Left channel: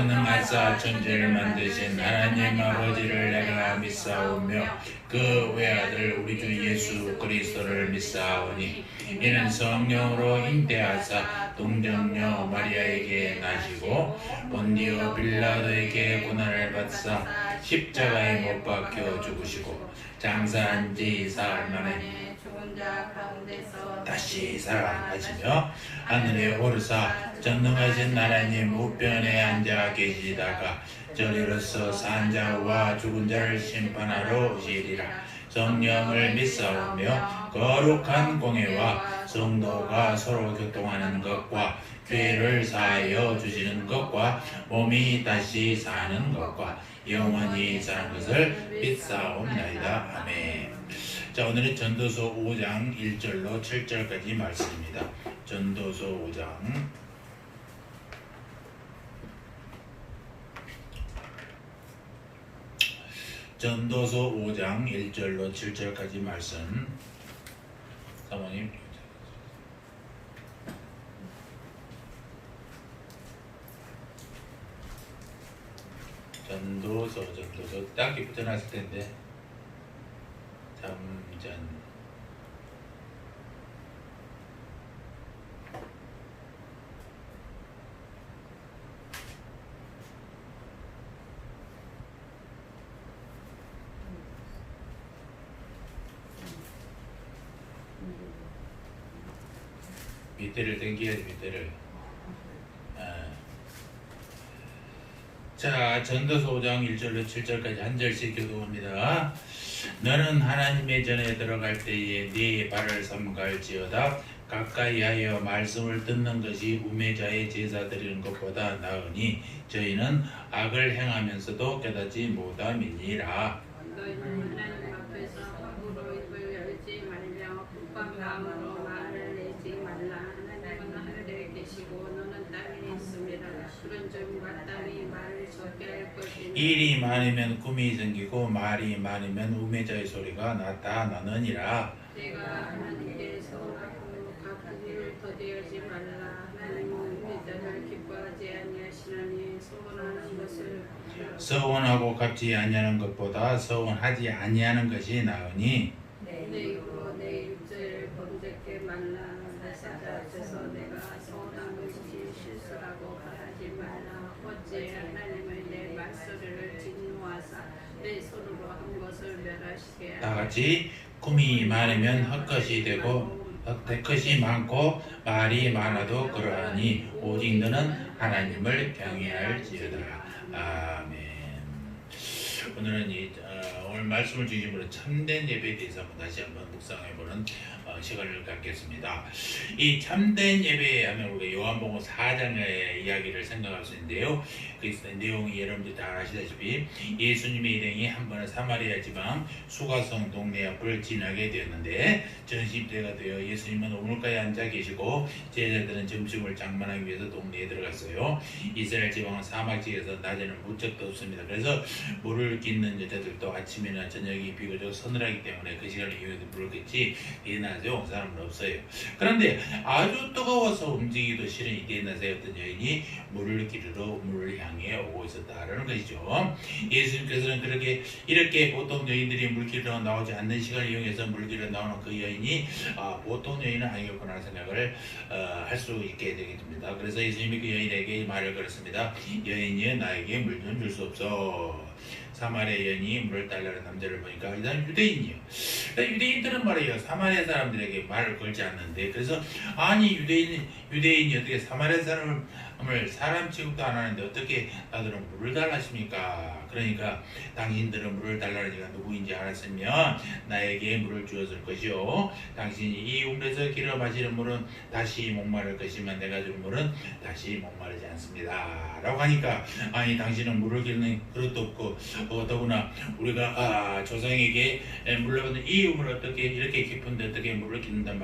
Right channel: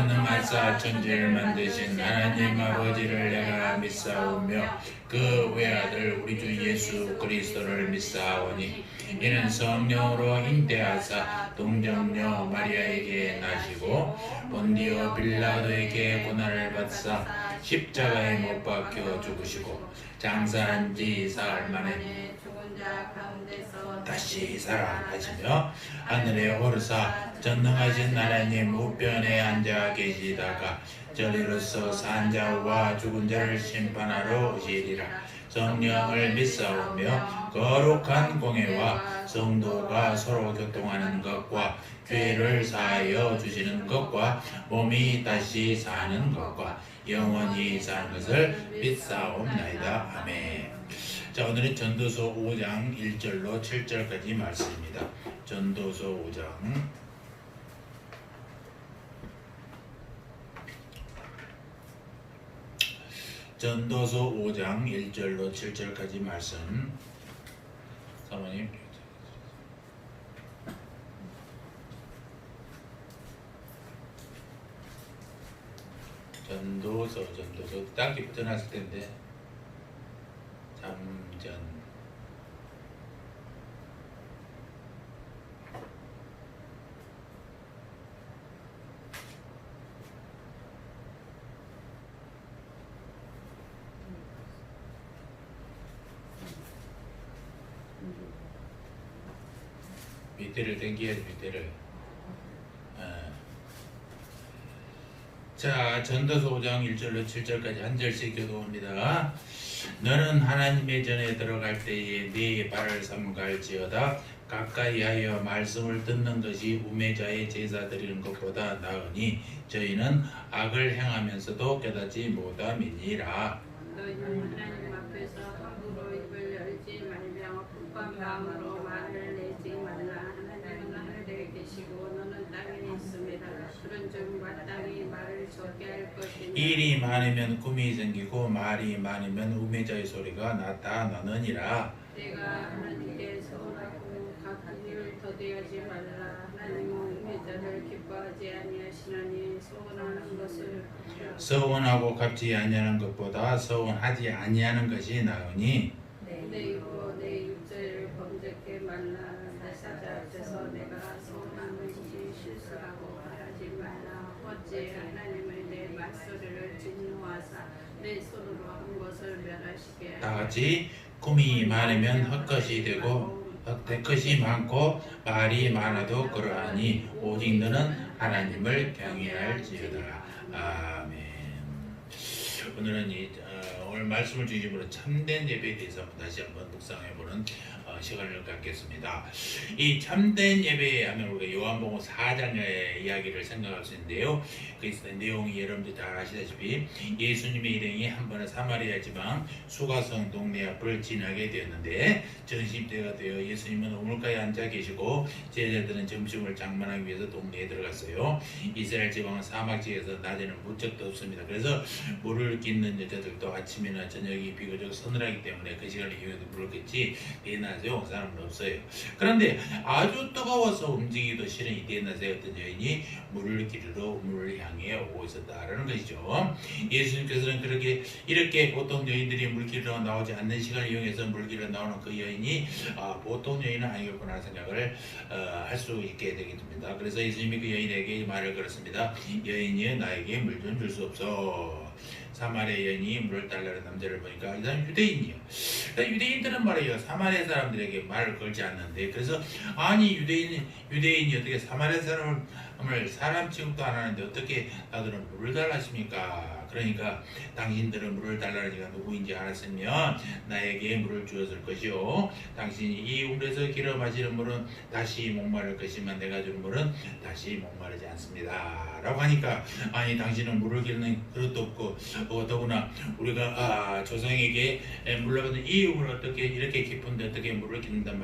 전능하사 천지를 만드신 하나님 아버지를 내가 믿사오며 그 외아들 우리 주 예수 그리스도를 믿사오니 이는 성령으로 잉태하사 동정녀 마리아에게 나시고 본디오 빌라도에게 고난을 받사 십자가에 못 박혀 죽으시고 장사한 지 사흘 만에 죽은 자 가운데서 다시 살아나시며 하늘에 오르사 전능하신 하나님 우편에 앉아 계시다가 저리로서 산 자와 죽은 자를 심판하러 오시리라. 성령을 믿사오며 거룩한 공회와 성도가 서로 교통하는 것과 죄를 사하여 주시는 것과 몸이 다시 사는 것과 영원히 사는 것을 믿사옵나이다. 아멘. 자, 오늘은 전도서 5장 1절로 7절까지 말씀입니다. 전도서 5장 전도서 5장 1절로 7절까지 말씀. 사모님 전도서 딱히 붙여놨을 텐데 잠전 밑에를 당겨야지 밑에를. 자, 전도서 5장 1절로 7절까지 한 절씩 교도합니다. 너는 하나님의 전에 들어갈 때에 네 발을 삼갈지어다. 가까이 하여 말씀을 듣는 것이 우매자의 제사 드리는 것보다 나으니 저희는 악을 행하면서도 깨닫지 못함이니라. 너희는 하나님 앞에서 함부로 입을 열지 말며 급한 마음으로 말을 내지 말라. 하나님은 하늘에 계시고 너는 땅에 있습니다. 그런즉 마땅히 말을 적게 할 것이니 일이 많으면 꿈이 생기고 말이 많으면 우매자의 소리가 나타나느니라. 내가 하나님께 서운하고 같은 일을 더디하지 말라. 하나님은 우매자를 기뻐하지 아니하시나니 서운하고 갚지 아니하는 것보다 서운하지 아니하는 것이 나으니 내 입으로 내 육체를 범죄케 말라. 내 사자 앞에서 내가 서운한 것이 실수라고 말하지 말라. 어찌 하나님의 내 말소리를 진노하사 내 손으로 한 것을 멸하시게 다 같이 꿈이 많으면 헛것이 되고 헛것이 많고 말이 많아도 그러하니 오직 너는 하나님을 경외할지어다. 아멘. 오늘은 오늘 말씀을 중심으로 참된 예배에 대해서 다시 한번 묵상해보는 시간을 갖겠습니다. 이 참된 예배 하면 우리가 요한복음 4장의 이야기를 생각할 수 있는데요. 그 내용이 여러분들 다 아시다시피 예수님의 일행이 한 번은 사마리아 지방 수가성 동네 앞을 지나게 되었는데 점심때가 되어 예수님은 우물가에 앉아 계시고 제자들은 점심을 장만하기 위해서 동네에 들어갔어요. 이스라엘 지방은 사막지에서 낮에는 무척도 없습니다. 그래서 물을 깃는 여자들도 아침이나 저녁이 비교적 서늘하기 때문에 그 시간을 이용해서 물을 깃지 대낮에 온 사람은 없어요. 그런데 아주 뜨거워서 움직이기도 싫은 이 대낮에 어떤 여인이 물을 기르러 우물을 향해 오고 있었다라는 것이죠. 예수님께서는 이렇게 보통 여인들이 물 기르러 나오지 않는 시간을 이용해서 물 기르러 나오는 그 여인이 보통 여인은 아니겠구나 생각을 할 수 있게 되게 됩니다. 그래서 예수님이 그 여인에게 말을 걸었습니다. 여인이여 나에게 물 좀 줄 수 없어. 사마리아 여인이 물을 달라는 남자를 보니까 이 사람이 유대인이요. 유대인들은 말이에요. 사마리아 사람들에게 말을 걸지 않는데 그래서 아니 유대인이 어떻게 사마리아 사람을 사람 취급도 안 하는데 어떻게 나들은 물을 달라십니까? 그러니까 당신들은 물을 달라는 이가 누구인지 알았으면 나에게 물을 주었을 것이요. 당신이 이 우물에서 길어 마시는 물은 다시 목마를 것이면 내가 줄 물은 다시 목마르지 않습니다. 라고 하니까 아니 당신은 물을 기르는 그릇도 없고 더구나 우리가 조상에게 물을 받는 이 우물을 어떻게 이렇게 깊은데 어떻게 물을 기른단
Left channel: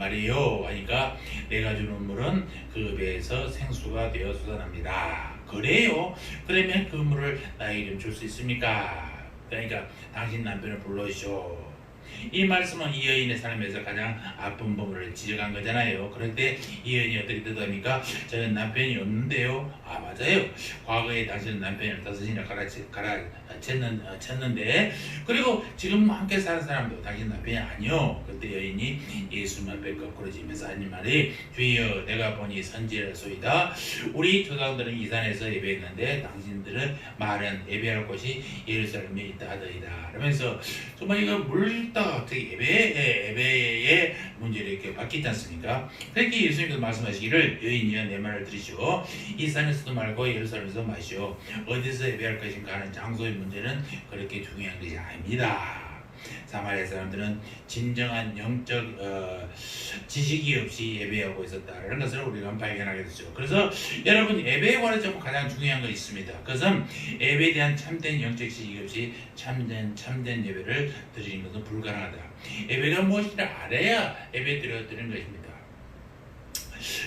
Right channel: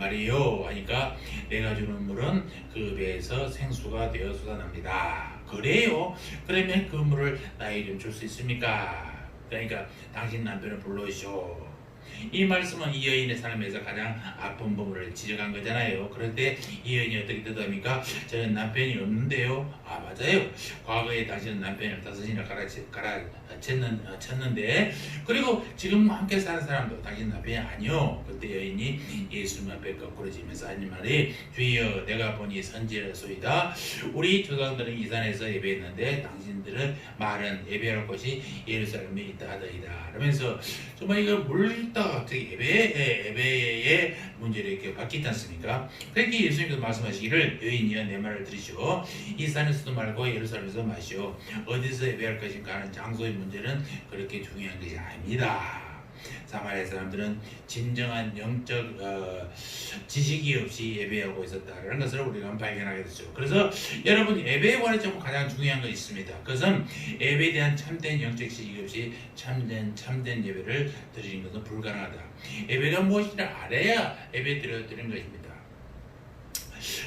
말이에요 하니까 내가 주는 물은 그 배에서 생수가 되어 솟아납니다. 그래요? 그러면 그 물을 나에게 좀 줄 수 있습니까? 그러니까 당신 남편을 불러오시오. 이 말씀은 이 여인의 삶에서 가장 아픈 부분을 지적한 거잖아요. 그럴 때 이 여인이 어떻게 뜻합니까? 저는 남편이 없는데요. 아, 맞아요. 과거에 당신은 남편을 5이나 쳤는데, 그리고 지금 함께 사는 사람도 당신 남편이 아니요. 그때 여인이 예수님 앞에 거꾸로 지면서 하는 말이, 주여 내가 보니 선지자소이다. 우리 조상들은 이 산에서 예배했는데 당신들은 말은 예배할 곳이 예루살렘에 있다 하더이다. 그러면서 정말 이거 물다가 갑자기 예배의 문제를 이렇게 바뀌지 않습니까? 그렇게 예수님께서 말씀하시기를, 여인이여 내 말을 들으시오. 이 산에서도 말고 예루살렘에서 마시오. 어디서 예배할 것인가 하는 장소의 문제는 그렇게 중요한 것이 아닙니다. 사마리아 사람들은 진정한 영적 지식이 없이 예배하고 있었다는 것을 우리가 발견하게 됐죠. 그래서 여러분, 예배에 관해서 가장 중요한 것이 있습니다. 그것은 예배에 대한 참된 영적 지식이 없이 참된 예배를 드리는 것은 불가능하다. 예배가 무엇인지 알아야 예배 드리는 것입니다.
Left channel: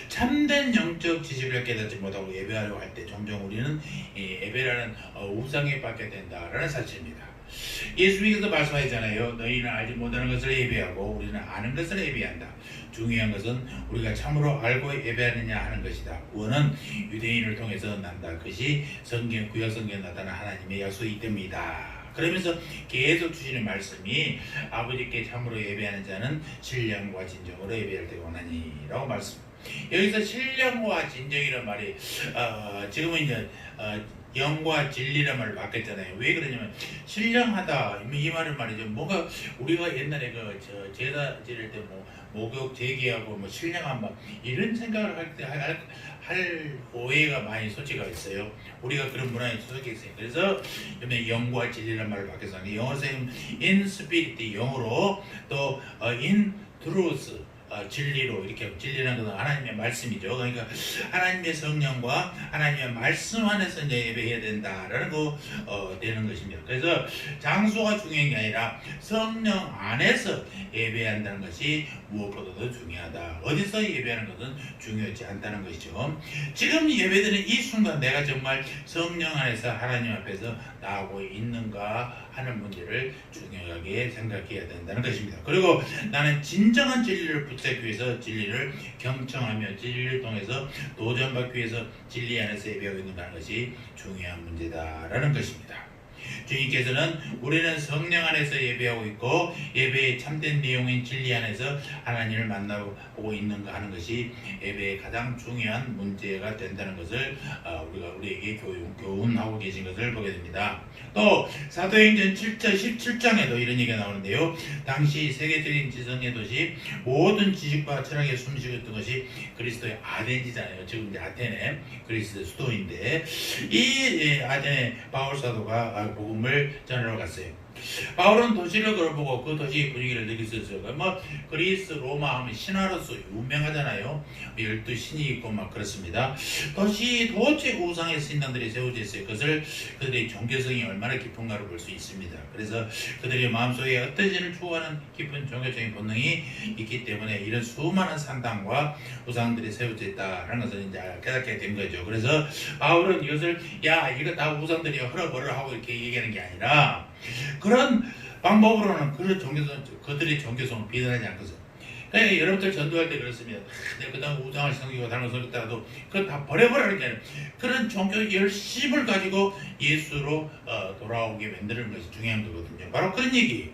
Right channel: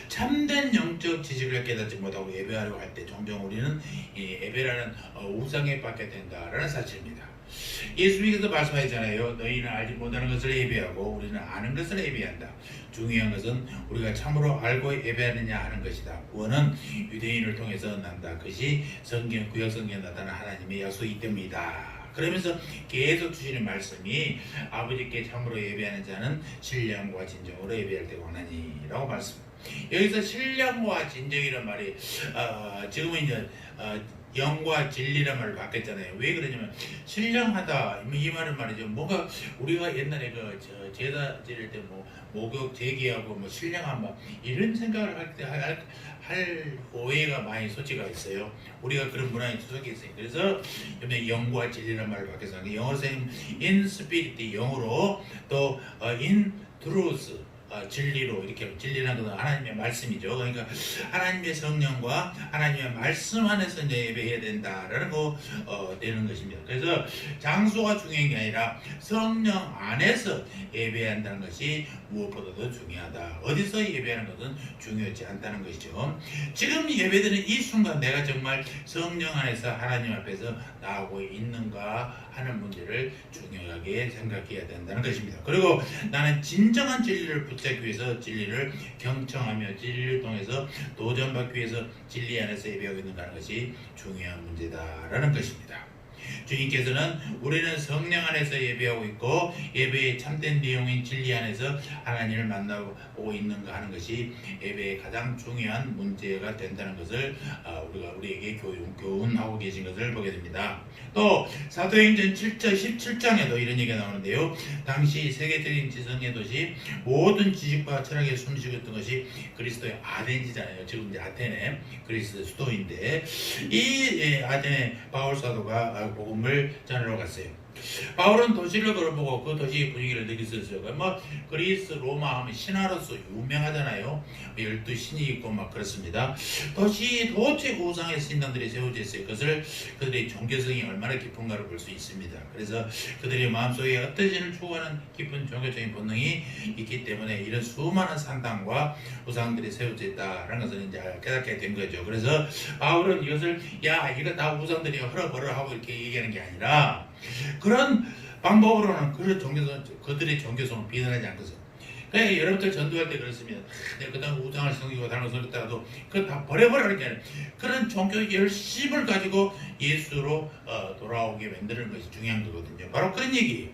참된 영적 지식을 깨닫지 못하고 예배하려고 할 때 종종 우리는 예배라는 우상에 빠게 된다라는 사실입니다. 예수님께서 말씀하셨잖아요. 너희는 알지 못하는 것을 예배하고 우리는 아는 것을 예배한다. 중요한 것은 우리가 참으로 알고 예배하느냐 하는 것이다. 구원은 유대인을 통해서 난다. 그것이 구약 성경에 나타난 하나님의 약속이기 때문이다. 그러면서 계속 주시는 말씀이, 아버지께 참으로 예배하는 자는 신령과 진정으로 예배할 때가 오나니라고 말씀. 여기서 신령과 진정이란 말이 지금은 이제 영과 진리란 말을 바꿨잖아요. 왜 그러냐면, 신령하다 이 말은 말이죠. 뭔가 우리가 옛날에 제사 지낼 때 목욕 제기하고 신령한 이런 생각을 할 오해가 많이 소지가 있어요. 우리가 그런 문화에 속해 있어요. 그래서 이번에 영과 진리란 말을 바꿔서 영어로 in spirit, 영어로 또 in truth, 진리로, 이렇게 진리라는 것은 하나님의 말씀이죠. 그러니까 하나님의 성령과 하나님의 말씀 안에서 이제 예배해야 된다라는 거 되는 것입니다. 그래서 장소가 중요한 게 아니라 성령 안에서 예배한다는 것이 무엇보다도 중요하다. 어디서 예배하는 것은 중요하지 않다는 것이죠. 지금 예배드리는 이 순간 내가 정말 성령 안에서 하나님 앞에서 나오고 있는가 하는 문제를 중요하게 생각해야 된다는 것입니다. 그리고 나는 진정한 진리를 붙잡기 위해서 진리를 경청하며 진리를 통해서 도전받기 위해서 진리 안에서 예배하고 있는다는 것이 중요한 문제다라는 것입니다. 주님께서는 우리는 성령 안에서 예배하고 있고 예배의 참된 내용인 진리 안에서 하나님을 만나고 있는가 하는 것이 예배의 가장 중요한 문제가 된다는 것을 우리에게 교훈하고 계신 것을 보게 됩니다. 또 사도행전 7장 17장에도 이런 얘기가 나오는데요. 당시 세계적인 지성의 도시, 모든 지식과 철학에 숨쉬었던 것이 그리스도의 아덴이잖아요. 지금 이제 아테네, 그리스도의 수도인데, 이 아테네 바울 사도가 복음을 전하러 갔어요. 바울은 도시를 걸어보고 그 도시의 분위기를 느꼈어요. 그리스, 로마 하면 신화로서 유명하잖아요. 12신이 있고 그렇습니다. 도시 도체 우상의 신당들이 세워져 있어요. 그것을 그들의 종교성이 얼마나 깊은가를 볼 수 있습니다. 그래서 그들의 마음속에 흩어지는 추구하는 깊은 종교적인 본능이 있기 때문에 이런 수많은 산당과 우상들이 세워져 있다는 것을 이제 깨닫게 된 거죠. 그래서 바울은 이것을 이거 다 우상들이 헐어버려 하고 이렇게 얘기하는 게 아니라, 그런 방법으로는 그들의 종교성을 비난하지 않거든. 그러니까 여러분들 전도할 때 그렇습니다. 그 다음 우상을 섬기고 다른 걸 섬겼다가도 그걸 다 버려버리는 게 아니라 그런 종교 열심을 가지고 예수로 돌아오게 만드는 것이 중요한 거거든요. 바로 그런 얘기.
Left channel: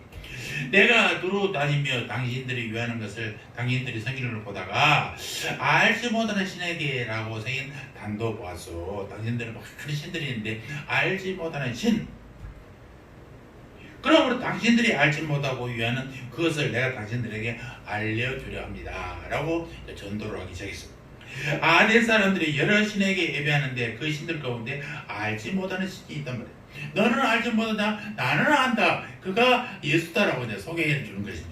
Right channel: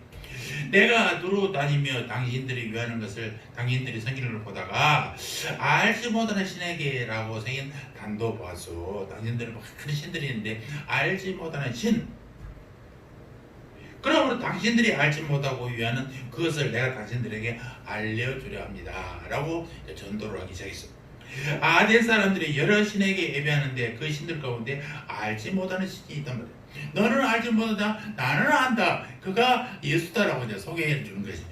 내가 두루 다니며 당신들이 위하는 것을 당신들이 성경을 보다가 알지 못하는 신에게라고 생긴 단도 보았어. 당신들은 큰 신들이 있는데 알지 못하는 신. 그러므로 당신들이 알지 못하고 위하는 그것을 내가 당신들에게 알려주려 합니다. 라고 전도를 하기 시작했습니다. 아덴 사람들이 여러 신에게 예배하는데 그 신들 가운데 알지 못하는 신이 있단 말이에요. 너는 알지 못한다, 나는 안다. 그가 예수다라고 이제 소개해 주는 것입니다.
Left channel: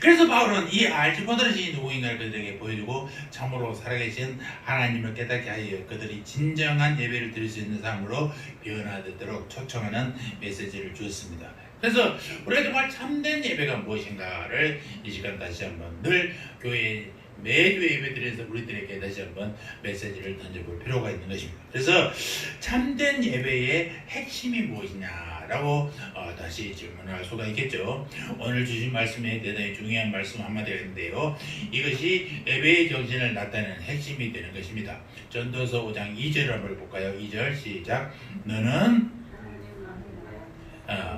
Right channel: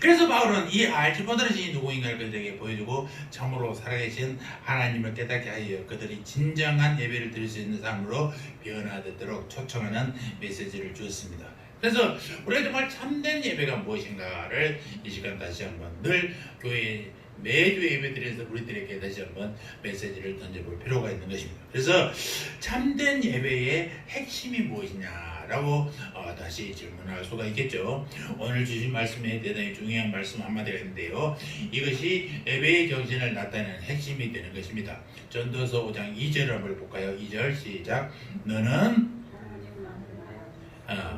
그래서 바울은 이 알지 못하는 신이 누구인가를 그들에게 보여주고 참으로 살아계신 하나님을 깨닫게 하여 그들이 진정한 예배를 드릴 수 있는 삶으로 변화되도록 초청하는 메시지를 주었습니다. 그래서 우리가 정말 참된 예배가 무엇인가를 이 시간 다시 한번 늘 교회 매주 예배드려서 우리들에게 다시 한번 메시지를 던져볼 필요가 있는 것입니다. 그래서 참된 예배의 핵심이 무엇이냐라고 라고 다시 질문할 수가 있겠죠. 오늘 주신 말씀에 대단히 중요한 말씀 한마디가 있는데요. 이것이 예배의 정신을 나타내는 핵심이 되는 것입니다. 전도서 5장 2절을 한번 볼까요? 2절 시작. 너는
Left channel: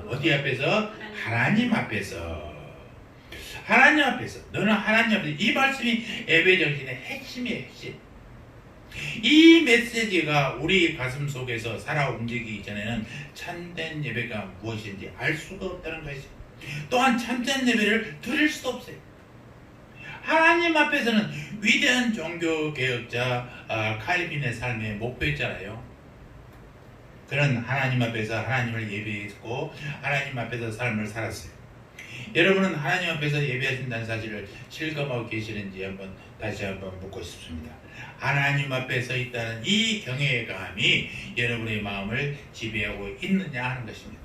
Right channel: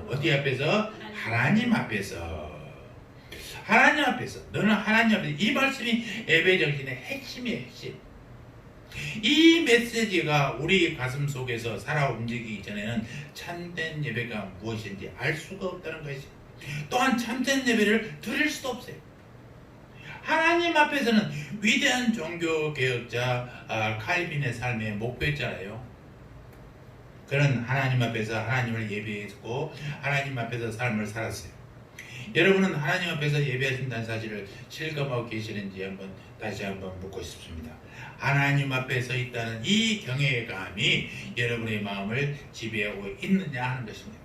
어디 앞에서? 하나님 앞에서. 하나님 앞에서. 너는 하나님 앞에서. 이 말씀이 예배 정신의 핵심이에요. 핵심. 이 메시지가 우리 가슴 속에서 살아 움직이기 전에는 참된 예배가 무엇인지 알 수가 없다는 것이죠. 또한 참된 예배를 드릴 수도 없어요. 하나님 앞에서는 위대한 종교개혁자 칼빈의 삶의 목표였잖아요. 그는 하나님 앞에서 하나님을 예배했고 하나님 앞에서 삶을 살았어요. 여러분은 하나님 앞에서 예배하신다는 사실을 실감하고 계시는지 다시 한번 묻고 싶습니다. 하나님 앞에 서 있다는 이 경외감이 여러분의 마음을 지배하고 있느냐 하는 것입니다.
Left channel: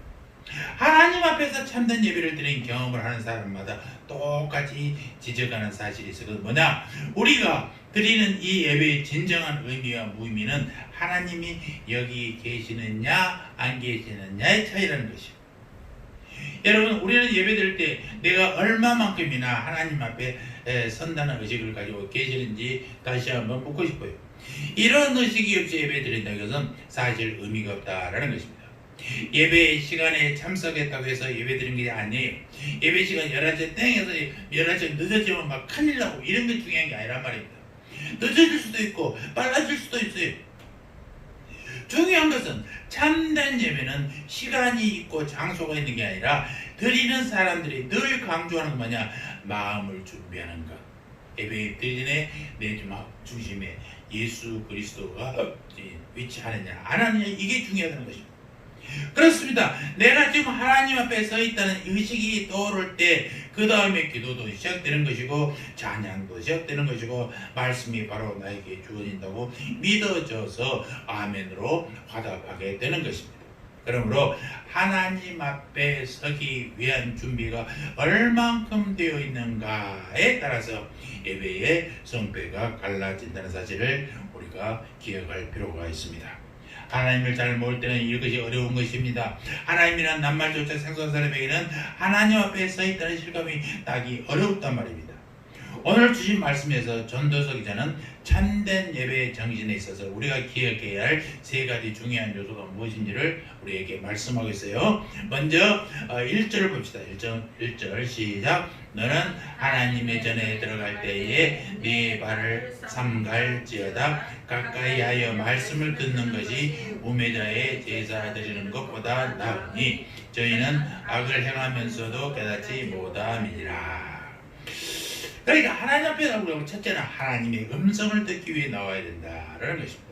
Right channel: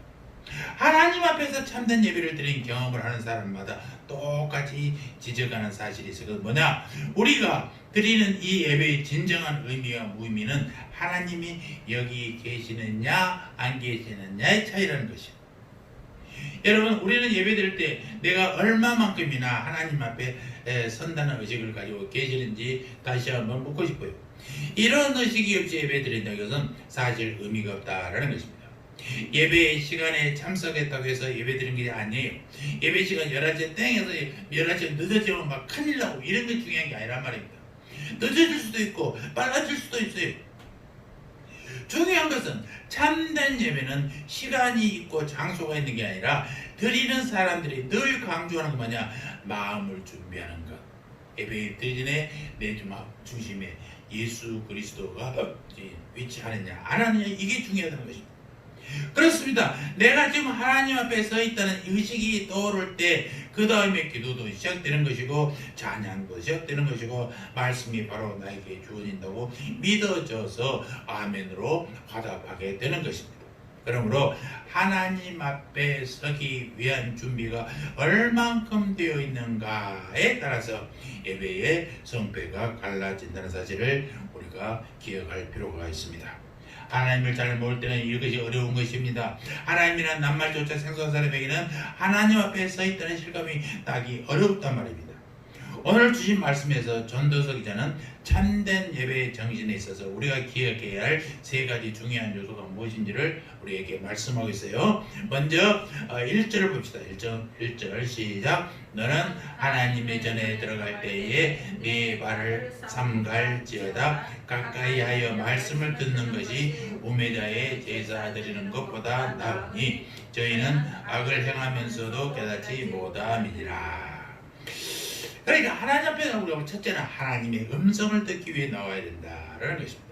하나님 앞에서 참된 예배를 드린 경험을 하는 사람마다 똑같이 지적하는 사실이 있어요. 뭐냐? 우리가 드리는 이 예배의 진정한 의미와 무의미는 하나님이 여기 계시느냐 안 계시느냐의 차이라는 것이에요. 여러분, 우리는 예배 드릴 때 내가 얼마만큼이나 하나님 앞에 선다는 의식을 가지고 계시는지 다시 한번 묻고 싶어요. 이런 의식이 없이 예배 드린다는 것은 사실 의미가 없다라는 것입니다. 예배 시간에 참석했다고 해서 예배 드리는 게 아니에요. 예배 시간 11시에 땡해서 11시에 늦어지면 막 큰일 나고 이런 게 중요한 게 아니란 말입니다. 늦어질 수도 있고 빨라질 수도 있어요. 중요한 것은 참된 예배는 시간이 있고 장소가 있는 게 아니라 드리는 사람들이 늘 강조하는 건 뭐냐? 마음을 준비하는 것. 예배 드리는 내 중심에 예수 그리스도가 위치하느냐 안 하느냐, 이게 중요하다는 것입니다. 그렇습니다. 내가 지금 하나님 앞에 서 있다는 의식이 떠오를 때 그 다음에 기도도 시작되는 것이고 찬양도 시작되는 것이고 말씀이 바로 나에게 주어진다고 믿어져서 아멘으로 화답하게 되는 것입니다. 그러므로 하나님 앞에 서기 위한 준비가 얼만큼 되어 있는가에 따라서 예배의 성패가 갈라진다는 사실을 우리가 기억할 필요가 있습니다. 하나님을 잘 모를 때는 이것이 어려운 것입니다. 하나님이란 낱말조차 생소한 사람에게는 하나님 앞에 서 있다는 실감이 나기 어렵단 말입니다. 오늘 주신 말씀에서 전도서 기자는 참된 예배의 정신에 있어서 우리가 기억해야 할 세 가지 중요한 요소가 무엇인지를 우리에게 말씀하고 있어요. 먼저 1절을 봅시다. 1절 시작. 너는 하나님의 전에 들어갈 때에 네 발을 삼갈지어다. 가까이 하여 말씀을 듣는 것이 우매자의 제사 드리는 것보다 나으니 저희는 악을 행하면서도 깨닫지 못함이니라. 그러니까 하나님 앞에 우리가 첫째는 하나님의 음성을 듣기 위해 나와야 된다라는 것입니다.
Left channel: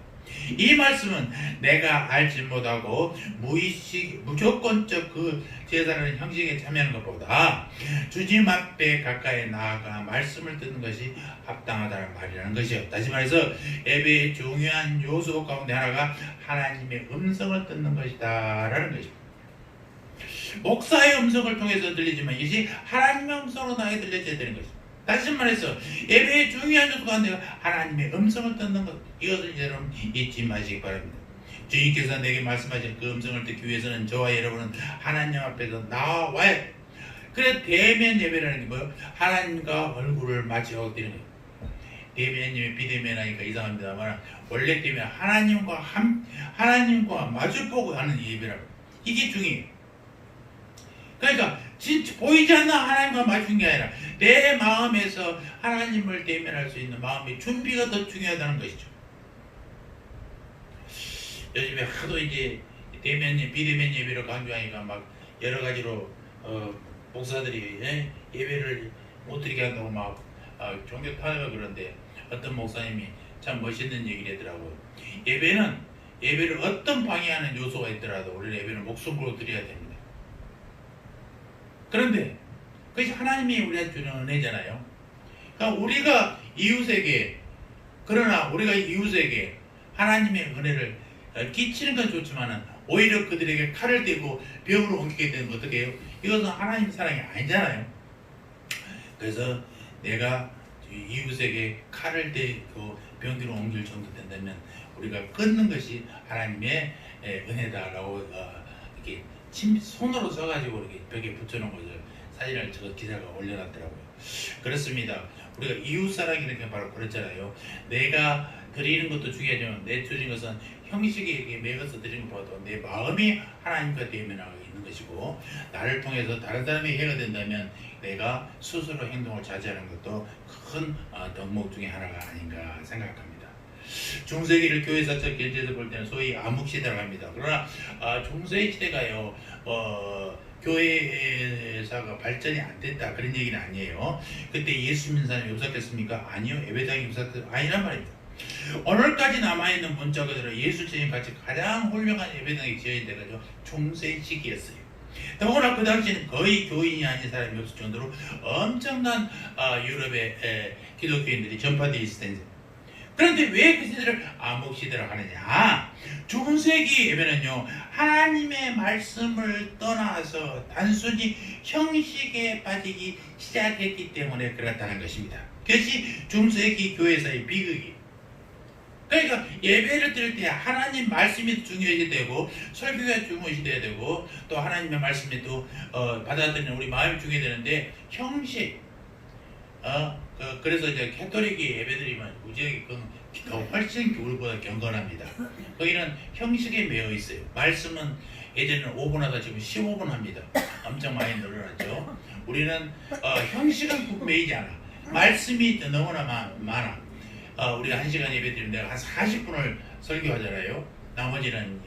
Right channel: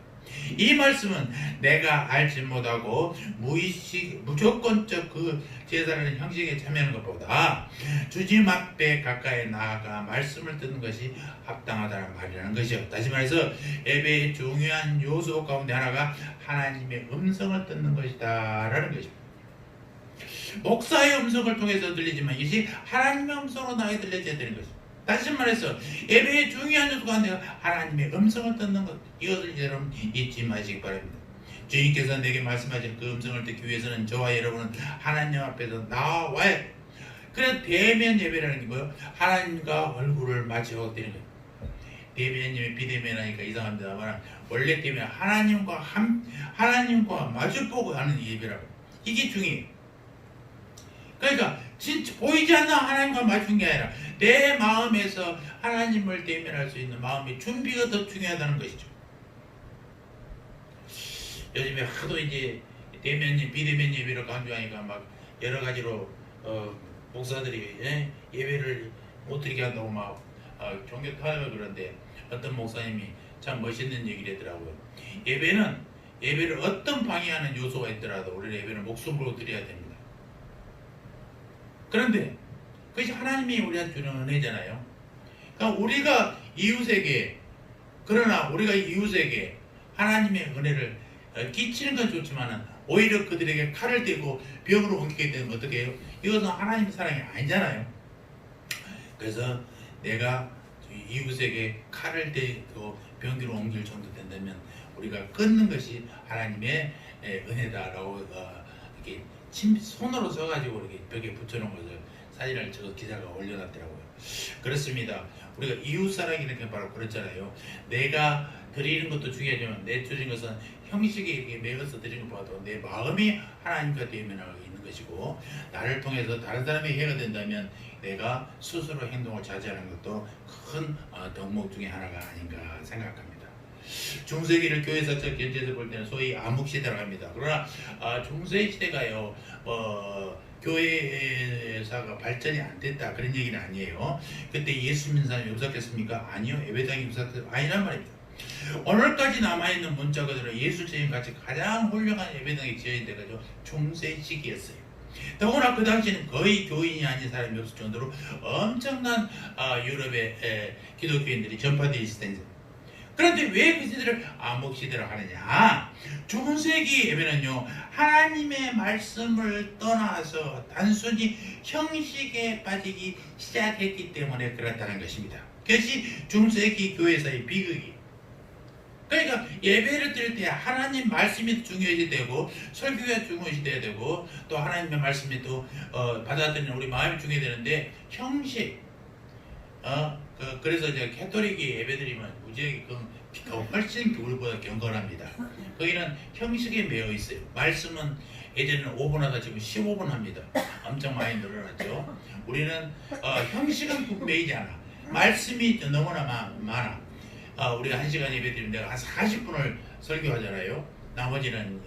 이 말씀은 내가 알지 못하고 무조건적 그 제사라는 형식에 참여하는 것보다 주님 앞에 가까이 나아가 말씀을 듣는 것이 합당하다는 말이라는 것이요. 다시 말해서 예배의 중요한 요소 가운데 하나가 하나님의 음성을 듣는 것이다라는 것입니다. 목사의 음성을 통해서 들리지만 이것이 하나님의 음성으로 나에게 들려져야 되는 것입니다. 다시 말해서 예배의 중요한 요소가 하나님의 음성을 듣는 것, 이것을 여러분 잊지 마시기 바랍니다. 주님께서 내게 말씀하신 그 음성을 듣기 위해서는 저와 여러분은 하나님 앞에서 나와야 해요. 그래서 대면 예배라는 게 뭐예요? 하나님과 얼굴을 마주하고 드리는 거예요. 대면이면 비대면하니까 이상합니다만 원래 대면 하나님과 마주보고 하는 예배라고. 이게 중요해요. 그러니까 진짜 보이지 않는 하나님과 맞춘 게 아니라 내 마음에서 하나님을 대면할 수 있는 마음의 준비가 더 중요하다는 것이죠. 요즘에 하도 이제 대면 비대면 예배를 강조하니까 막 여러 가지로 목사들이 예배를 못 드리게 한다고 막 종교 탄압을 그러는데 어떤 목사님이 참 멋있는 얘기를 하더라고요. 예배를 어떤 방해하는 요소가 있더라도 우리는 예배를 목숨으로 드려야 됩니다. 그런데 그것이 하나님이 우리가 주는 은혜잖아요. 그러니까 우리가 이웃에게 하나님의 은혜를 끼치는 건 좋지만 오히려 그들에게 칼을 대고 병으로 옮기게 되면 어떻게 해요? 이것은 하나님의 사랑이 아니잖아요. 그래서 내가 이웃에게 칼을 대고 병기로 옮길 정도 된다면 우리가 끊는 것이 하나님의 은혜다라고 이렇게 손으로 써가지고 이렇게 벽에 붙여놓은 거죠. 사진을 저 기자가 올려놨더라고요. 그렇습니다. 우리가 이웃사랑이라는 게 바로 그렇잖아요. 내가 드리는 것도 중요하지만 내 드리는 것은 형식에 이렇게 매어서 드리는 것보다도 내 마음이 하나님과 대면하고 있는 것이고, 나를 통해서 다른 사람이 해가 된다면 내가 스스로 행동을 자제하는 것도 큰 덕목 중에 하나가 아닌가 생각합니다. 중세기를 교회사적 견제에서 볼 때는 소위 암흑시대라고 합니다. 그러나 중세 시대가요, 교회사가 발전이 안 됐다 그런 얘기는 아니에요. 그때 예수 믿는 사람이 없었겠습니까? 아니요. 예배당이 없었겠습니까? 아니란 말입니다. 오늘까지 남아있는 문자 그대로 예수님 같이 가장 훌륭한 예배당이 지어진 데가 중세 시기였어요. 더구나 그 당시에는 거의 교인이 아닌 사람이 없을 정도로 엄청난 유럽의 기독교인들이 전파되어 있을 텐데, 그런데 왜 그 시대를 암흑시대라고 하느냐? 중세기 예배는요, 하나님의 말씀을 떠나서 단순히 형식에 빠지기 시작했기 때문에 그렇다는 것입니다. 그것이 중세기 교회에서의 비극이. 그러니까 예배를 드릴 때 하나님 말씀이 중요해야 되고, 설교가 중요해야 되고, 또 하나님의 말씀이 또 받아들이는 우리 마음이 중요해야 되는데, 형식, 그래서 이제 캐톨릭이 예배드리면 우리에게 더 훨씬 우리보다 경건합니다. 거기는 형식에 매여 있어요. 말씀은 예전에는 5분 하다 지금 15분 합니다. 엄청 많이 늘어났죠. 우리는 형식은 매이지 않아. 말씀이 너무나 많아. 우리가 1시간 예배 드리는데 한 40분을 설교하잖아요. 나머지는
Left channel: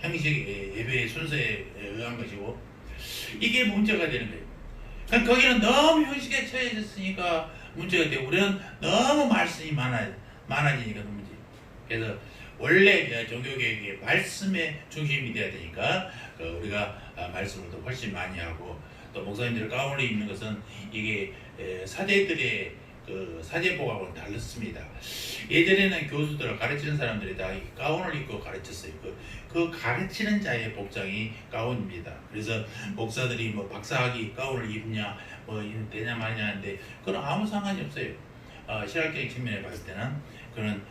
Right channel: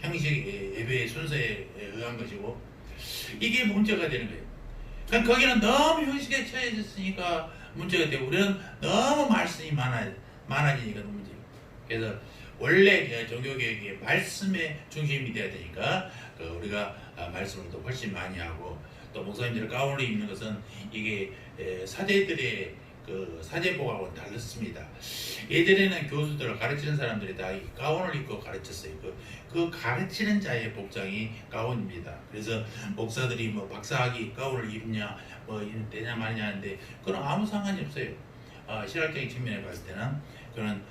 형식 예배의 순서에 의한 것이고, 이게 문제가 되는 거예요. 그러니까 거기는 너무 형식에 처해졌으니까 문제가 되고, 우리는 너무 말씀이 많아지니까 문제. 그래서 원래 종교개혁이 말씀의 중심이 돼야 되니까 우리가 말씀을 더 훨씬 많이 하고, 또 목사님들 가운을 입는 것은 이게 사제들의 사제복하고는 달랐습니다. 예전에는 교수들 가르치는 사람들이 다 가운을 입고 가르쳤어요. 그 가르치는 자의 복장이 가운입니다. 그래서 목사들이 뭐 박사학위 가운을 입냐 뭐 되냐 마냐 하는데 그건 아무 상관이 없어요. 신학적인 측면에 봤을 때는 그는